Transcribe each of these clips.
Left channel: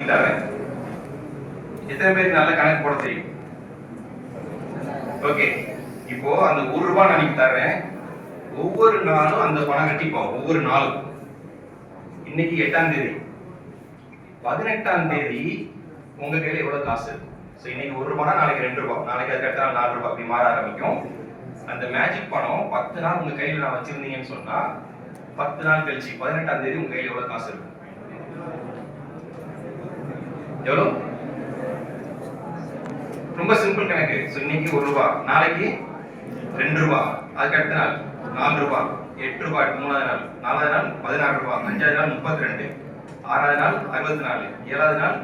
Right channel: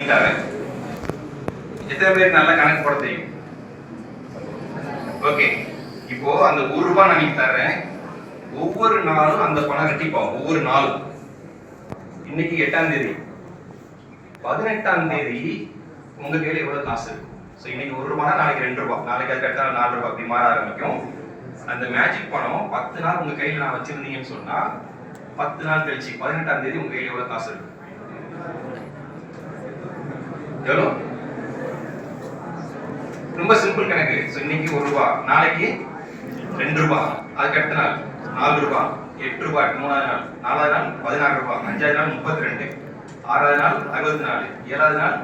எத்தனை பேர் நல்ல கணக்கு போட தெரியும்? ஓகே, இப்போ அந்த ₹1 நான் தரேன். ஒவ்வொரு நாளும் அந்த பணம் ரெட்டிப்பாகும். ஒவ்வொரு நாளும். இன்னைக்கு 8ஆம் தேதி, 18ஆம் தேதி உங்க கையில எவ்வளவு காசு இருக்கு? ஸோ இன்னைக்கு ₹1, நாளைக்கு ₹2, நாளைக்கு அது கரெக்டாக ₹4 அப்படி மாற ஆரம்பிக்கும். அந்த மேஜிக் பணம் 10 நாள் உங்க கையில நான் வச்சிருந்தீங்கன்னு சொன்னா 10 நாள் கழிச்சு 18ஆம் தேதி உங்க கையில எவ்வளவு காசு இருக்கு? எவ்வளோ? ரொம்ப சிம்பிள் கணக்கு. ஸோ இன்னைக்கு ₹1, நாளைக்கு ₹2, அதுக்கு அடுத்த நாள் ₹4, ₹8, 3ஆவது நாள், 4ஆவது நாள் ₹16, 5ஆவது நாள் ₹32, 6ஆவது நாள் ₹64, 7ஆவது நாள்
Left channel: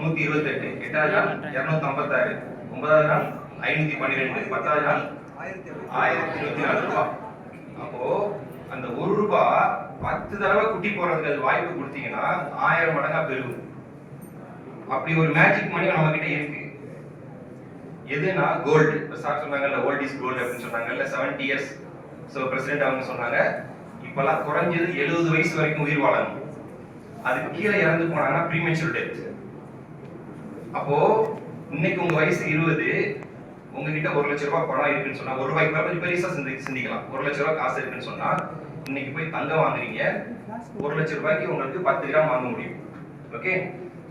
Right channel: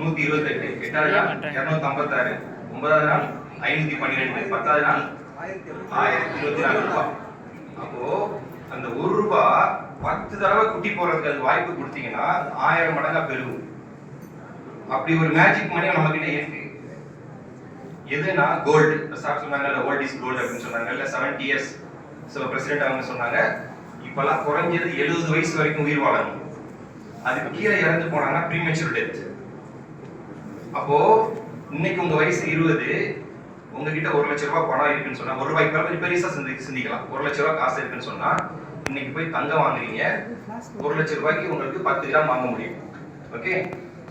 ₹128, 8ஆவது நாள் ₹256, 9ஆவது நாள் ₹512, 10ஆவது நாள் ₹1024. அப்போ அந்த ₹1 10 தடவை குட்டி போடுறதுக்கு அது வாய்ப்பு கொடுத்தீங்கன்னா 1000 மடங்கா பெருகும். அப்படி ஒரு மேஜிக் மணி நம்ம கிட்ட இருக்கு. எதுனா கோல்டு. சார் சொன்னாங்கல்ல, ஓல்ட் இஸ் கோல்டு அப்படின்னு சொன்னாங்கல்ல, 70 இயர்ஸ். ஸோ பிரசிடென்ட் அவங்க சொன்னாங்க, இப்பெல்லாம் குறைஞ்சது 70 வயசு வரைக்கும் உயிர் வாழணும். அதுக்கு கீழே இறந்து போனாங்கன்னா ப்ரீமெச்சூர் டெத். அப்போ இன்னைக்கு உங்க வயசு 20, உங்ககிட்ட ₹1,00,000 பணம் இருக்குன்னு சொன்னா, ₹1 பெருசா சிந்திக்கலாம். ₹1,00,000 காசு இருக்குன்னு சொன்னா, இன்னைக்கு போய் தங்கம் வாங்குறீங்க. ₹1,00,000 உங்களுக்கு 10 கிராம் வாங்க முடியும். ஓகே,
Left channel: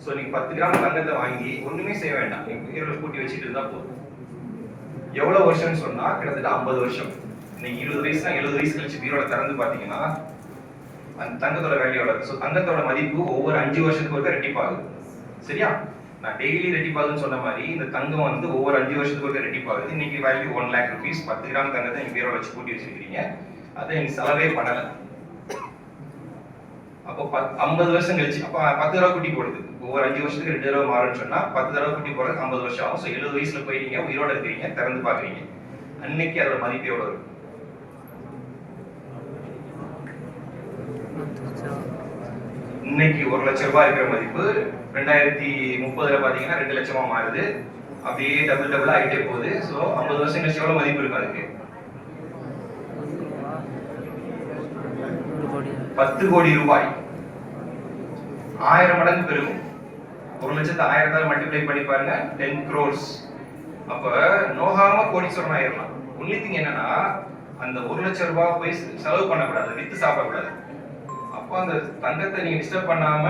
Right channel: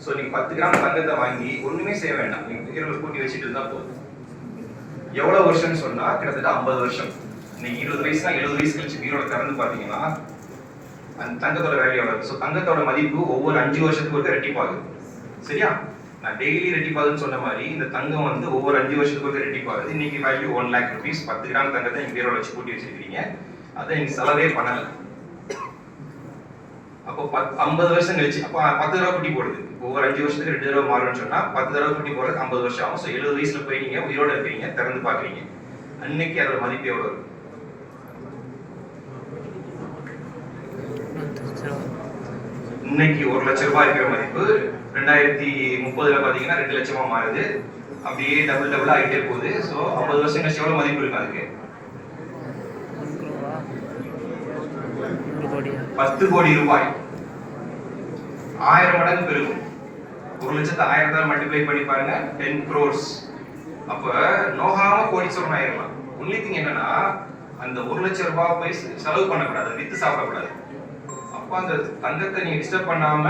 சோ நீங்க 10 கிராம் தங்கத்தை வாங்கி ஒண்ணுமே செய்ய வேண்டாம், நீங்க உயிரில கூட்டி வச்சுட்டு இருந்தா போதும். எவ்வளவு வருஷம்னு சொன்னா கிட்டத்தட்ட 50 வருஷம். நீங்க 20 வயசுனா 70 வயசு கழிச்சு உயிரோட திறந்து பாத்தீங்கன்னா அந்த தங்கத்தோட வேல்யூ எவ்வளவு? ஸோ தங்கத்தோட மதிப்பு ஒவ்வொரு 5 வருஷத்துக்கு ஒரு ரெட்டிப்பாகுது. சரியா? நான் டெய்லி ரெட்டிப்பாகுதுன்னு சொன்ன மாதிரி இந்த தங்கம் வந்து ஒவ்வொரு 5 வருஷத்துக்கு ஒரு ரெட்டிப்பாகுது. இன்னைக்கு வேல்யூ ₹1,00,000. 10 கிராம் தங்கத்தை நீங்க உயிரோட வச்சு கூட்டி வச்சிருக்கீங்க. அதை நீங்க செலவே பண்ணல. அப்போ 50 வருஷம் கழிச்சு அப்ப 10 தடவை குட்டி போடுது. ஒவ்வொரு 5 வருஷத்துக்கு 2 தடவை மாறும்னு சொன்னா 10 தடவை குட்டி போடுறது 50 வருஷம் ஆகும். ஸோ 70 வயசுல போய் நீங்க உயிரோட இருக்கிறீங்க, திறந்து பாக்குறீங்க. அன்னைக்கு அதோட மதிப்பு எவ்வளவு இருக்கும்? இன்னைக்கு ₹1,00,000 இருக்கிற மதிப்பு 2030 பாத்தீங்கன்னா 2,00,000 மாறுது. அப்படியே டபுள் ஆகிட்டே போகுது. ஸோ 50 வருஷம் கழிச்சு எவ்வளவு மதிப்பு இருக்கும்? அதுக்கு 10 கோடி ரூபாய். 1000 மடங்கு பெருகும். 1,00,000 1000ஆல் மல்டிப்ளை பண்ணி பாருங்க, 10 crores. அப்ப நோகாம கோடீஸ்வரன் ஆயிரலாம். ஒன்லி திங் என்னன்னா அந்த ₹1,00,000 போய் செலவு பண்ணக்கூடாது, வித்து சாப்பிடக்கூடாது. அப்ப அந்த தங்கத்தை நீங்க டிஸ்டர்ப் பண்ணாம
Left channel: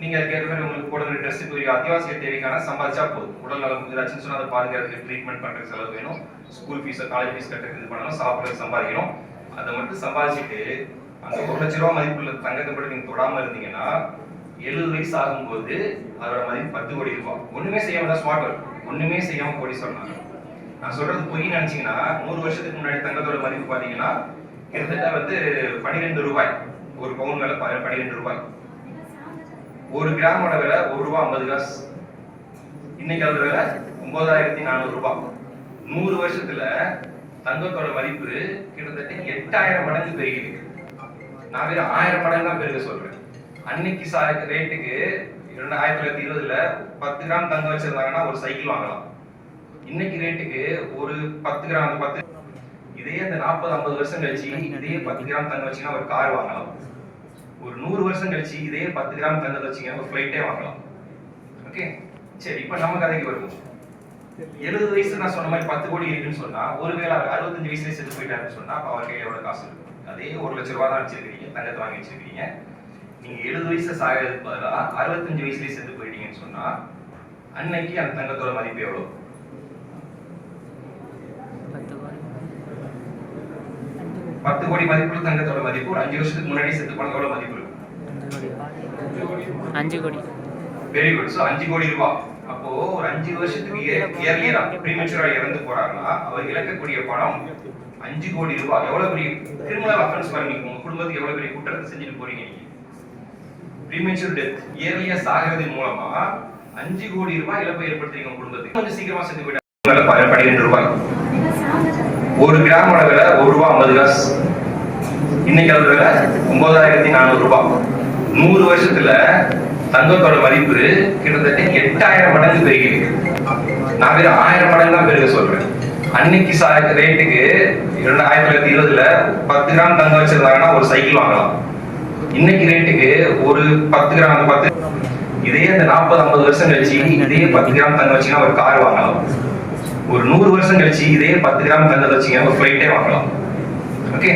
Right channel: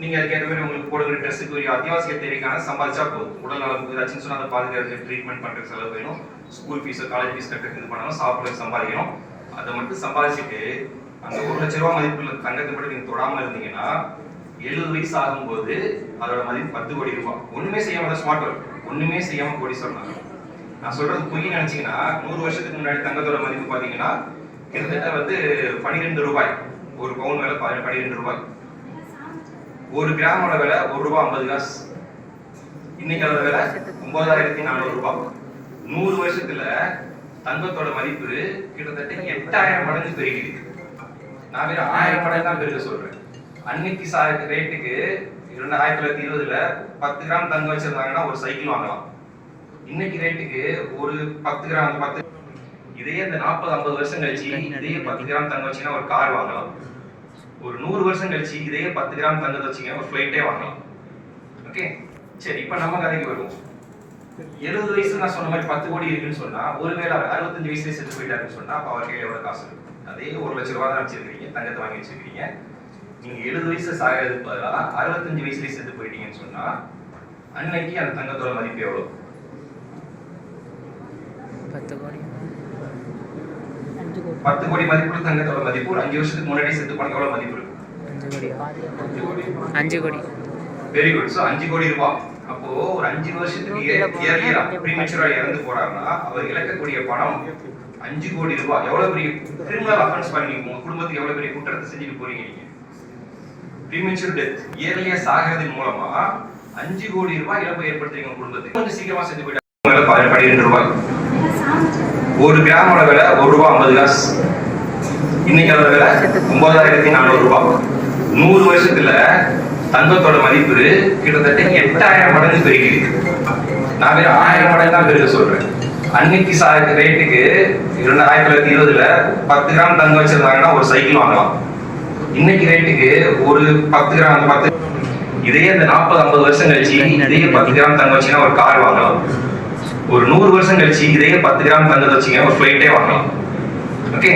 நீங்க அதுக்கேற்ற மாதிரி உங்களுக்கு போடுற ட்ரெஸ்ஸுக்கு அத்தியாவசிய தேவைக்கான சம்பாதிச்சா போதும். உடல் நலம் ஏதாச்சும் சொன்னா அதை பாதுகாக்கிறதுக்கு, ட்ரீட்மெண்ட் பண்றதுக்கு செலவு வேணும், ஸ்கூல் ஃபீஸ் காலேஜ் ஃபீஸ் கட்டுறதுக்கு இது பண்ணணும், சாப்பிட்றதுக்கு சம்பாதிக்கணும். அதை மட்டும் சம்பாதிச்சுட்டு அந்த ₹1,00,000 மதிப்புள்ள தங்கத்தை பற்றி நீங்க தொடாம இருந்தீங்கன்னா 70 வயசு ஆகும்போது அதோட மதிப்பு ₹10 கோடி. ஒண்ணுமே செய்யாம தான் ஸ்மார்ட் ஒர்க், ஒண்ணுமே செய்யாம கோடி சொன்னாங்க. நான் சொல்றது பொய் நினைச்சீங்கன்னா 100 வருஷத்துக்கு முன்னாடி தங்கத்தோட மதிப்பு பாத்தீங்கன்னா கிட்டத்தட்ட வந்து ₹12. ஒரு பவுன் விலை ₹12. ஒரு கிராமோட விலை ₹1.50. இன்னைக்கு அதோட விலை ₹9,400. 100 வருஷத்துல தங்கத்தோட மதிப்பு கிட்டத்தட்ட 8000 மடங்கு பெருகிருக்கு. நான் வேற 1000 மடங்கு தான் பெருக சொல்றேன். அன்னைக்கு ரேட்டுக்கு 1920ல 10 கிராம் தங்கம் வச்சிருந்தாங்கன்னா ஒரு சைக்கிள் வாங்கலாம். இன்னைக்கு ரேட்டுக்கு ஒரு 10 கிராம் இதே இந்த 40-50 வருஷம் கழிச்சு இதே 10 கிராம் தங்கம் வச்சீங்கன்னா ஒரு கார் வாங்கலாம். ஒரு 100 வருஷம் கழிச்சு இதே 10 கிராம் தங்கத்தை வச்சீங்கன்னா ஒரு ஃபிளைட்டே வாங்கலாம். ஓகே, சரி, இப்ப நம்ம கதைக்கு வருவோம். 70 வயசு நான் சொன்ன மாதிரி 10 கோடி இருக்குன்னு சொன்னா, ஒருவேளை 65 வயசுல செத்து போயிட்டாருன்னு சொன்னா அப்ப அவர் கையில எவ்வளவு காசு இருக்கு? அதே ₹1,00,000 தான் வச்சிருக்கீங்க, தங்கத்தை வாங்கி வச்சிருக்கீங்க. நீங்க 70 வயசுல சாகிறதுக்கு பதிலாக 65 வயசுலயே செத்து போயிட்டீங்கன்னு சொன்னா அன்னைக்கு அந்த தங்கத்தோட மதிப்பு எவ்வளவு? 10 கோடி மதிப்புள்ள தங்கத்தோட மதிப்பு ஒரு 5 வருஷத்துக்கு முன்னாடி செத்து போன எவ்வளவு மதிப்பு இருக்கு? 5 கோடி. Very good. சோ 5 கோடி ரூபாய். அப்போ ஒரு 5 வருஷத்துக்கு இயர்லியா ப்ரீமெச்சூரா இறந்து போறாங்கன்னா அவர் இழக்கக்கூடிய பணம் 5 கோடி ரூபாய். எவ்வளவு பெரிய கிரிமினல் அஃபென்ஸ் பாருங்க. உங்க குடும்பத்துக்கு எவ்வளவு பெரிய குற்றத்தை செஞ்சுட்டு போறீங்க நீங்க. ப்ரீமெச்சூர் டெத், இயர்லியா சாகிறதன் மூலமா 5 கோடி ரூபாய் இழப்பை ஏற்படுத்துறீங்க உங்க குடும்பத்துக்கு. கொஞ்சம் சீக்கிரமா செத்து போயிட்டாங்க. ₹12. ஒரு கிராமோட விலை ₹1.50. இன்னைக்கு அதோட விலை ₹9,400. 100 வருஷத்துல தங்கத்தோட மதிப்பு கிட்டத்தட்ட 8000 மடங்கு பெருகிருக்கு. நான் வேற 1000 மடங்கு தான் பெருக சொல்றேன். அன்னைக்கு ரேட்டுக்கு 1920ல 10 கிராம் தங்கம் வச்சிருந்தாங்கன்னா ஒரு சைக்கிள் வாங்கலாம். இன்னைக்கு ரேட்டுக்கு ஒரு 10 கிராம் இதே அந்த 40-50 வருஷம் கழிச்சு இதே 10 கிராம் தங்கம் வச்சீங்கன்னா ஒரு கார் வாங்கலாம். ஒரு 100 வருஷம் கழிச்சு இதே 10 கிராம் தங்கத்தை வச்சீங்கன்னா ஒரு ஃபிளைட்டே வாங்கலாம். ஓகே,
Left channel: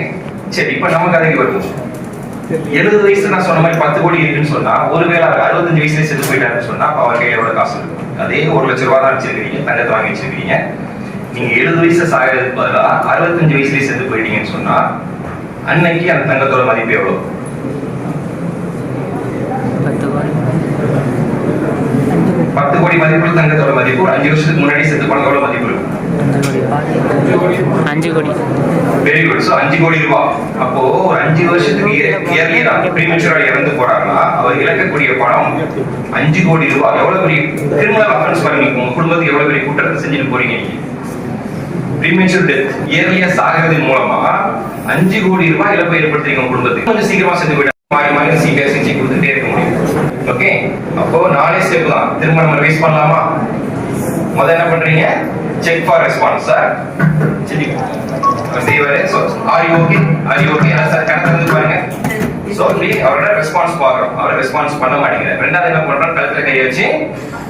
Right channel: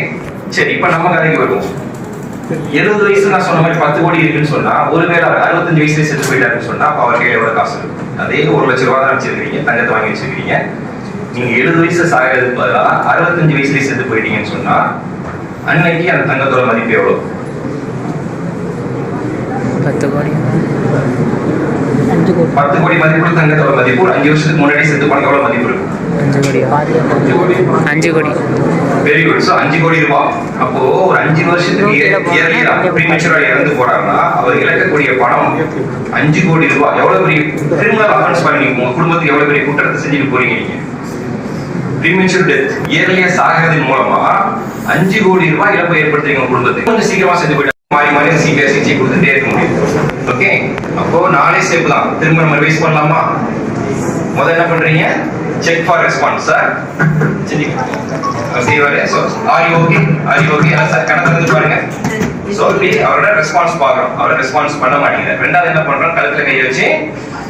சரி இப்ப நம்ம கதைக்கு வருவோம். 70 வயசு நான் சொன்ன மாதிரி 10 கோடி இருக்குன்னு சொன்னா, ஒருவேளை 65 வயசுல செத்து போயிட்டாருன்னு சொன்னா அப்ப அவர் கையில எவ்வளவு காசு இருக்கும்? அதே 1 லட்சம் ரூபாய் தான் வச்சிருக்கீங்க, தங்கத்தை வாங்கி வச்சிருக்கீங்க. நீங்க 70 வயசுல சாகிறதுக்கு பதிலா 65 வயசுலயே செத்து போயிட்டீங்கன்னு சொன்னா அன்னைக்கு அந்த தங்கத்தோட மதிப்பு எவ்வளவு? 10 கோடி. 10 கோடி மதிப்புள்ள தங்கத்தோட மதிப்பு 5 வருஷத்துக்கு முன்னாடி செத்து போன எவ்வளவு மதிப்பு இருக்கும்? 5 கோடி. Very good. சோ 5 கோடி ரூபாய். அப்போ ஒரு 5 வருஷத்துக்கு பிரீமெச்சூரா இறந்து போறாங்கன்னா அவர் இழக்கக்கூடிய பணம் 5 கோடி ரூபாய். எவ்வளவு பெரிய கிரிமினல் அஃபென்ஸ் பாருங்க. உங்க குடும்பத்துக்கு எவ்வளவு பெரிய குற்றத்தை செஞ்சுட்டு போறீங்க நீங்க. பிரீமெச்சூர் டெத், இயர்லியா சாகிறதன் மூலமா 5 கோடி ரூபாய் இழப்பை ஏற்படுத்துறீங்க உங்க குடும்பத்துக்கு. கொஞ்சம் சீக்கிரமா செத்து போயிட்டு மாறி மாறி சிபிஐ சிகிச்சை கொடுத்துட்டே இருக்க முடியும். ஓகே, அப்போ 4 ஸ்டெப் தான். திரும்ப நம்ம ரிவைஸ் பண்ணலாமா? முதல்ல என்ன பண்றீங்க? Check for response. சார் பாருங்க. சோ அவரோட ரெஸ்பான்ஸ் பாக்குறோம். அவரோட ரெஸ்பான்ஸ் பண்ண மாட்டேங்குது. ரெண்டாவது என்ன பண்றோம்? கழுத்துல கையை வச்சு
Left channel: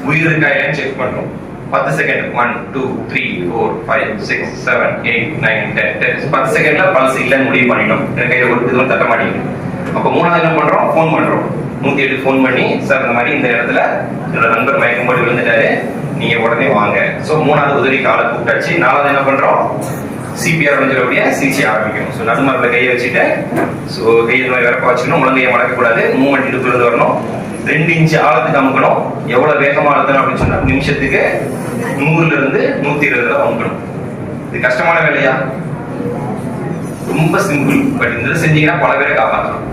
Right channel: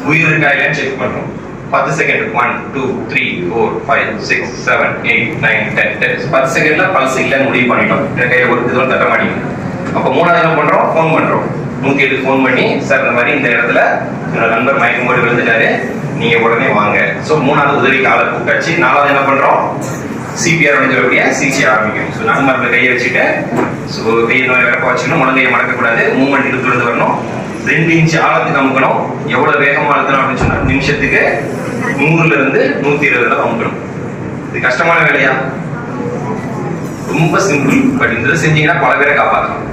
உயிர் இருக்கா இல்லையான்னு செக் பண்றோம். 10 செகண்ட். 1 2 3 4 5 6 7 8 9 10 10 செகண்ட்ல பல்ஸ் இல்லைன்னு முடிவு பண்ணிட்டோம். கையில ஒரு இதுவும் தட்ட மாட்டேங்குது. அப்ப மூணாவது என்ன பண்றோம்? போன் பண்றோம். 108 போன் பண்ணி, சார் இந்த மாதிரி இந்த இடத்துல என்னோட நண்பர் மயக்கம் போட்டு விழுந்துட்டாரு, நீங்க உடனே வாங்க. சோ மூணாவது உதவிக்கு ஆளை கூப்பிட்டாச்சு. நாலாவது என்ன பண்றோம்? சிபிஆர் சொல்லக்கூடிய சிகிச்சை ஆரம்பிக்கும். ஸோ நம்ம கையை வச்சுட்டு கையை மாதிரி விறப்ப வச்சுக்கணும். முழங்கையை மடக்கக்கூடாது. மூவ்மெண்ட் இடுப்புல இருந்து வரணும். 2 இன்ச் ஆழத்துக்கு அமுக்கணும். எவ்வளவு வேகமா அழுத்தணும் அப்படின்னு சொன்னா நிமிஷத்துக்கு 100ல இருந்து 120 அமுக்கணும். இது கஷ்டமான வேலையா? ரொம்ப சிம்பிள். பட் இந்த செஞ்சீங்கன்னா பல பேரை காப்பாற்றலாம்.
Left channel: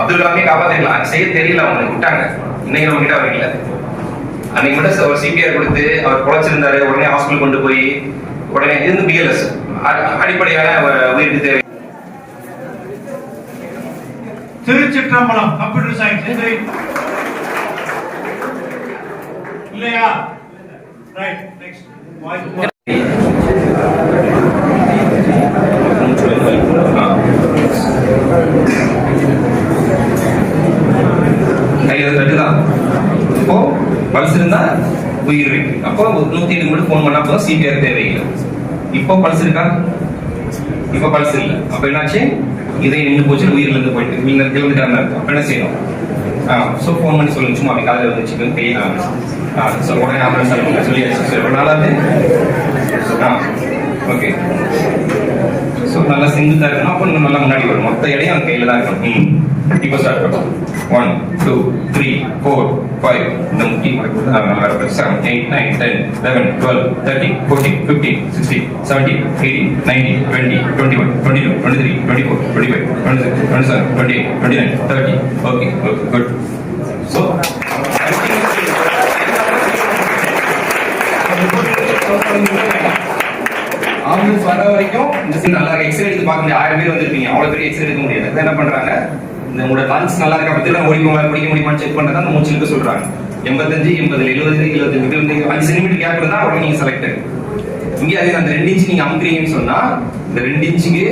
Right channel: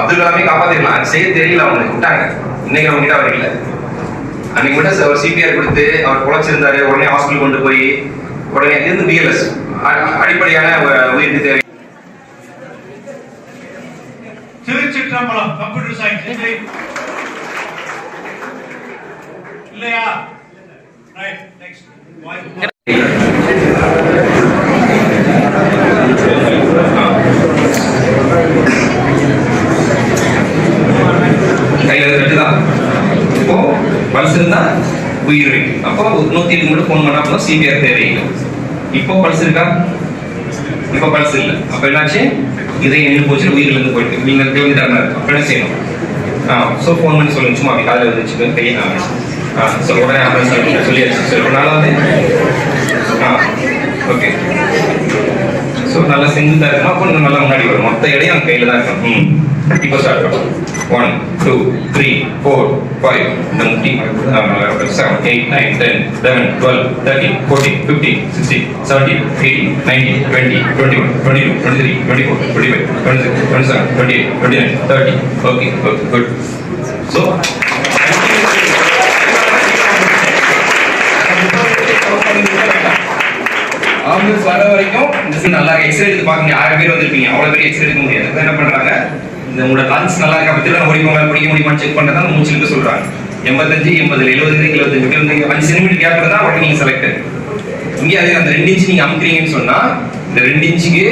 அப்துல் கலாமே காப்பாத்திருக்கலாம். செய்ய தெரியல, அவங்க விட்டாங்க. இன்னைக்கு நம்ம கிட்ட அவர் இல்லை. அன்னைக்கு மட்டும் ஒரு சிபிஆர் கொடுத்து அவர் குறைச்சிருந்தாரு. உடனே ஹாஸ்பிட்டல் கொண்டு போய் உடனே இது பிஎல்எஸ் அடிப்படையான ஒரு உயிருக்கு தேவை. திருச்சிற்றம்பலம் கம்ப்யூட்டர் சயின்ஸ் இல்லையா? ரைட், நெக்ஸ்ட் கையில தட்டுதான். இப்போ பல்ஸ் இருந்தா உயிர் இருக்கு. அப்போ 108 மட்டும் போன் பண்ணா போதும், சிபிஆர் தேவையில்லை. இப்போ பல்ஸ் இருக்கா? இப்போ பல்ஸ் இல்லை. அப்ப என்னாச்சு? இதை நின்று போச்சு, உயிரில இருந்து போயிட்டு நீங்க கிளம்பிட்டாங்க. அப்ப என்ன செய்யணும்? சோ போன் பண்ணி சொல்லுங்க. சும்மா அப்படி காலையில் வச்சுட்டு கையை ஸோ உடனே ஆம்புலன்ஸ் சொல்லியாச்சு. ஸோ இப்போ நாலாவது ஓகே. ஸோ நல்லா செஞ்சுதான் இருக்கணும். அப்போ நல்லா முன்னாடி வரும். மொத்த இடையும் அவங்க கையில தான் இருக்கணும். இப்போ ஸ்டார்ட் பண்ணுவோம். 1 2 3 4 5 7 8 9 10 11 12 13 14 15 16 17 18 19 20 21 22 23 24 25 26 27 28 29 30. Okay okay good. So ambulance வர வரைக்கும் இந்த நல்லா எக்ஸ்ரே எடுத்து பார்க்க 1000 பேர் வந்திருப்பீங்க. அவ்வளவு பேர் எக்ஸ்ரே எடுக்க முடியாது. என்ன பண்றாங்க? இந்த உங்களோட லங்ஸ் நல்லா இருக்கா பத்தி பிடிக்க முடியுமான்னு செக் பண்ணதான் மூச்சு இழுக்க சொல்றாங்க. 85 80 70 75 5 சென்டிமீட்டர் கேப் இருந்தா உடனே நீங்க செலக்ட். இங்கே அதே அந்த 2 இன்ச் நீங்க அமுக்குறீங்கன்னு சொன்னா இந்த 2 இன்ச்சுக்கு